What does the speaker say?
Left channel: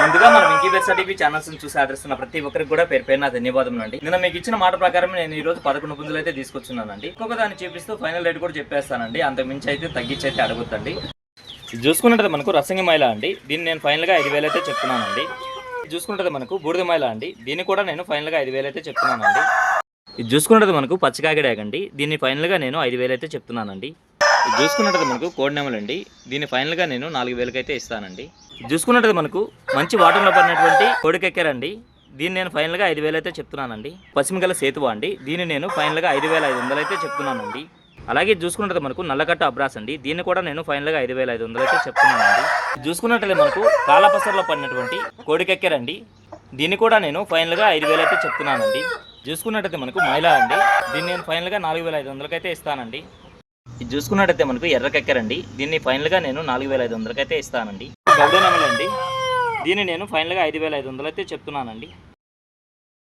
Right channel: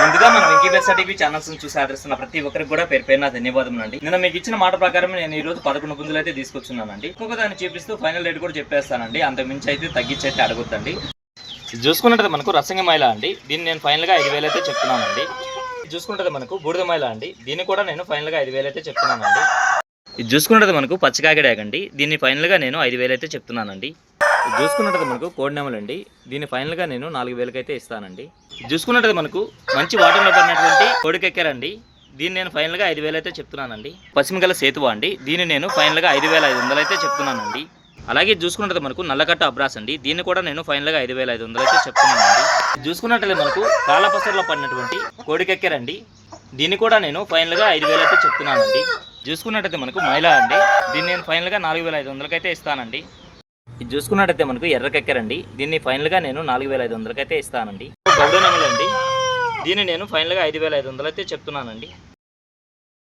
ముందుగా మనం incubator TV channels చూసి ఆదరిస్తున్న ప్రతి ఒక్కరికి కూడా పేరు పేరున ధన్యవాదములు అండి. నిన్న మీకు ఇచ్చిన మాట ప్రకారం నేను ఈ రోజు 11 పుంజులు అయితే తీసుకొచ్చున్నానండి. ఇంకొక దాన్ని చూపిస్తూ ఫైనల్ రేట్ కూడా చెప్పేస్తానండి. అంత మించి అయితే తగ్గించి అయితే అడగొద్దండి. ఇది చూసుకున్నట్టు మనకు రసంగి మైల అండి. దీన్ని నేను ఫైనల్గా 5,000 అయితే చెప్తున్నానండి. ఇది చూసుకుంటే మనకు బూడిద మైల అండి. దీన్ని కూడా నేను ఫైనల్గా 5,000 అయితే చెప్తున్నానండి. ఇది చూసుకున్నట్టు మనకు పచ్చికాకిడాగండి. దీన్ని ఫైనల్గా నేను 5,000 అయితే చెప్తున్నానండి. ఇది చూసుకున్నట్టు మనకు కోడినెమలండి. దీన్ని ఫైనల్గా నేను 4,000 అయితే ఇస్తానండి. ఇది చూసుకున్నట్టు మనకు మంచి వాటర్లో పడినటువంటి కోడికెక్కారండి. దీన్ని నేను ఫైనల్గా 5,000 అయితే చెప్తున్నానండి. పశ్చిమగల సేతువ అండి. దీన్ని నేను ఫైనల్గా 5,500 అయితే చెప్తున్నానండి. అలాగే చూసుకున్నట్టు మనకు నల్లకట్ట అబ్రాస్ అండి. దీన్ని కూడా నేను ఫైనల్గా 5,500 అయితే చెప్తున్నానండి. చూసుకున్నట్లయితే మనకు కాలపసర్లో పడినటువంటి కోడికెక్కారండి. దీన్ని కూడా నేను ఫైనల్గా 5,000 అయితే చెప్తున్నానండి. చూసుకున్నట్టయితే మనకు మైలా అండి. దీన్ని నేను ఫైనల్గా 4,500 అయితే ఇస్తానండి. ఇది చూసుకున్నట్టయితే మనకు ఎర్రకెక్కారండి. దీన్ని ఫైనల్గా నేను 4,500 అయితే ఇస్తానండి. గౌడనమలండి. దీన్ని నేను ఫైనల్గా 5,500 అయితే చెప్తున్నానండి.